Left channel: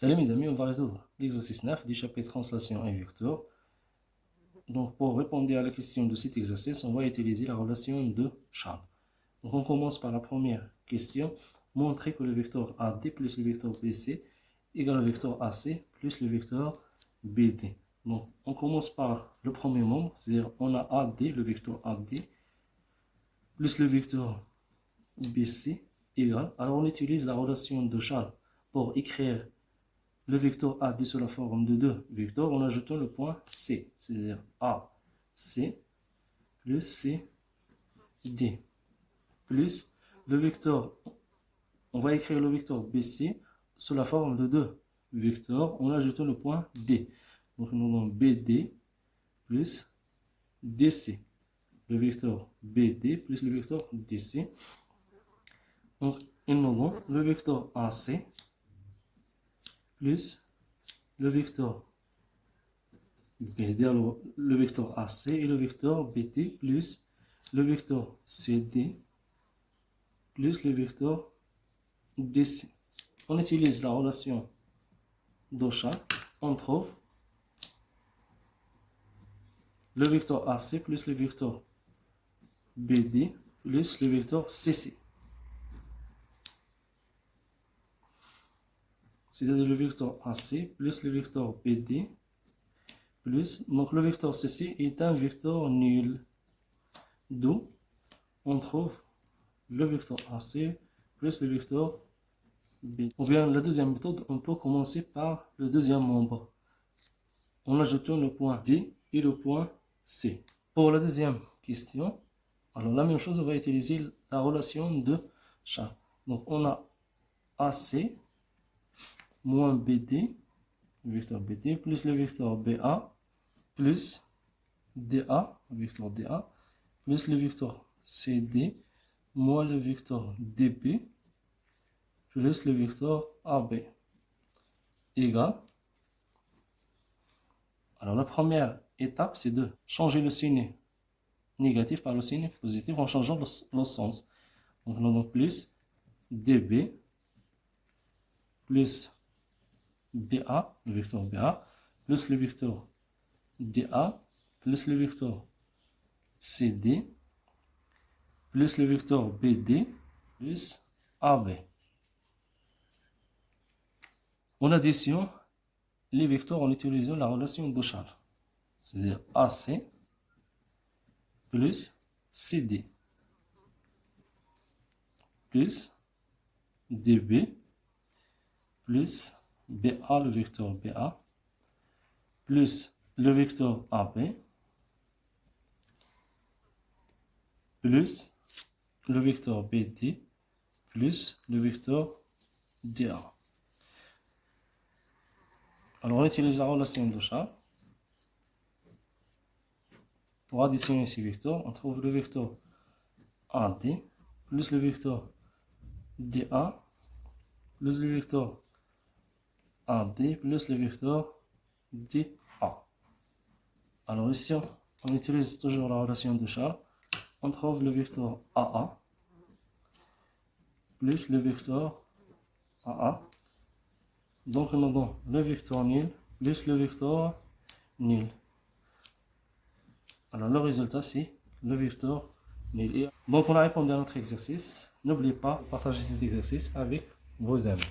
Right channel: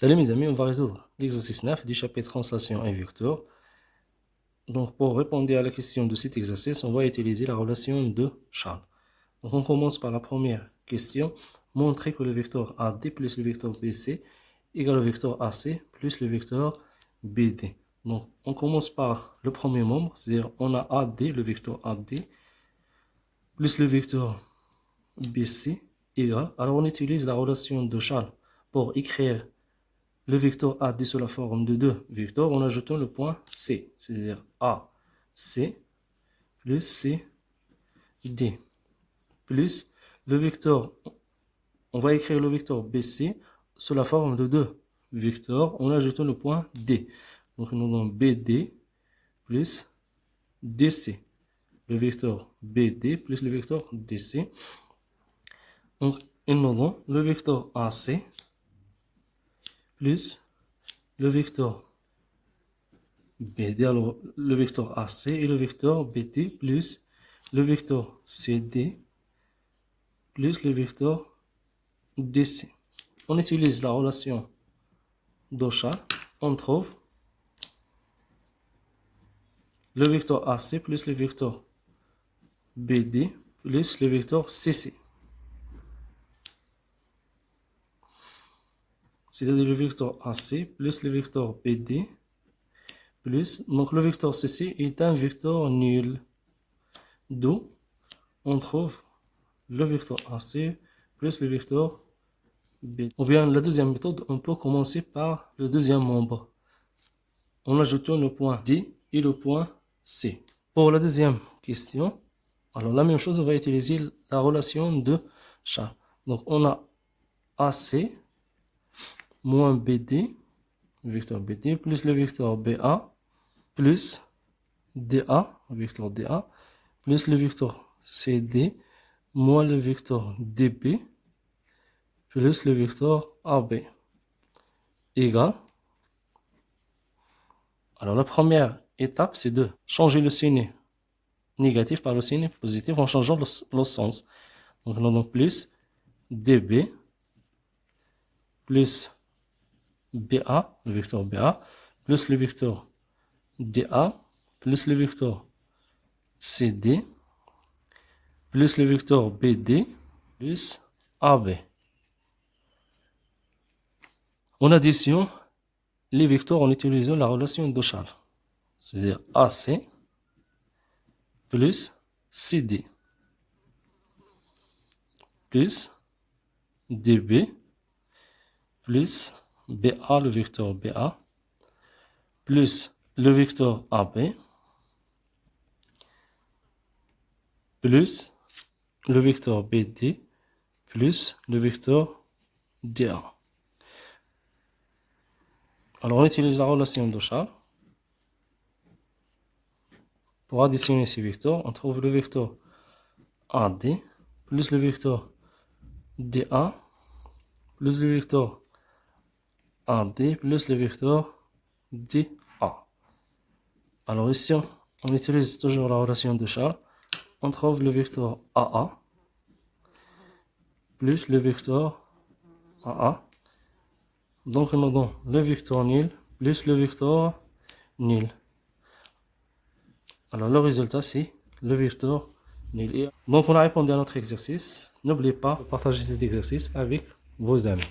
Salut mes amis, on va résoudre l'exercice 9 du chapitre translation et vecteur. Donc pour répondre à la question de cet exercice, on va utiliser la relation de Charles. Donc on commence par la première question. Montrer que le vecteur AD plus le vecteur BC égale le vecteur AC plus le vecteur BD. Donc on commence par le premier membre, c'est-à-dire on a AD, le vecteur AD, plus le vecteur BC égale. Alors on utilise la relation de Charles pour écrire le vecteur AD sous la forme de deux vecteurs en ajoutant le point C, c'est-à-dire AC plus CD plus le vecteur, on va écrire le vecteur BC sous la forme de deux vecteurs en ajoutant le point D. Donc nous avons BD plus DC. Le vecteur BD plus le vecteur DC. Donc nous avons le vecteur AC plus le vecteur BD, alors le vecteur AC et le vecteur BD plus le vecteur CD plus le vecteur DC. On utilise la relation d'Ocha. On trouve le vecteur AC plus le vecteur BD plus le vecteur CC. C'est-à-dire le vecteur AC plus le vecteur BD plus, donc le vecteur CC est un vecteur nul. D'où on trouve le vecteur AC plus le vecteur BD. Ou bien la deuxième méthode, on peut commencer par le deuxième membre en ajoutant le point D et le point C. Pour la deuxième question, alors la même chose, on va utiliser la relation de Charles. Donc on a AC moins BD, le vecteur BD, plus le vecteur BA, plus DA, le vecteur DA, plus le vecteur CD, moins le vecteur DB, plus le vecteur AB, égale. Alors la première étape, c'est de changer le signe négatif par le signe positif en changeant le sens. Donc on a donc plus DB, plus BA, le vecteur BA, plus le vecteur DA, plus le vecteur CD, plus le vecteur BD, plus AB. En addition, les vecteurs en utilisant la relation de Charles, c'est-à-dire AC plus CD plus DB plus BA, le vecteur BA, plus le vecteur AB, plus le vecteur BD, plus le vecteur DA. Alors on utilise la relation de Charles. Pour additionner ces vecteurs, on trouve le vecteur AD plus le vecteur DA plus le vecteur AD plus le vecteur DA. Alors ici, on utilise toujours la relation de Charles. On trouve le vecteur AA plus le vecteur AA. Donc nous avons le vecteur nul plus le vecteur nul. Alors le résultat c'est le vecteur nul. Donc on a répondu à notre exercice. N'oubliez pas de partager cet exercice avec vos amis.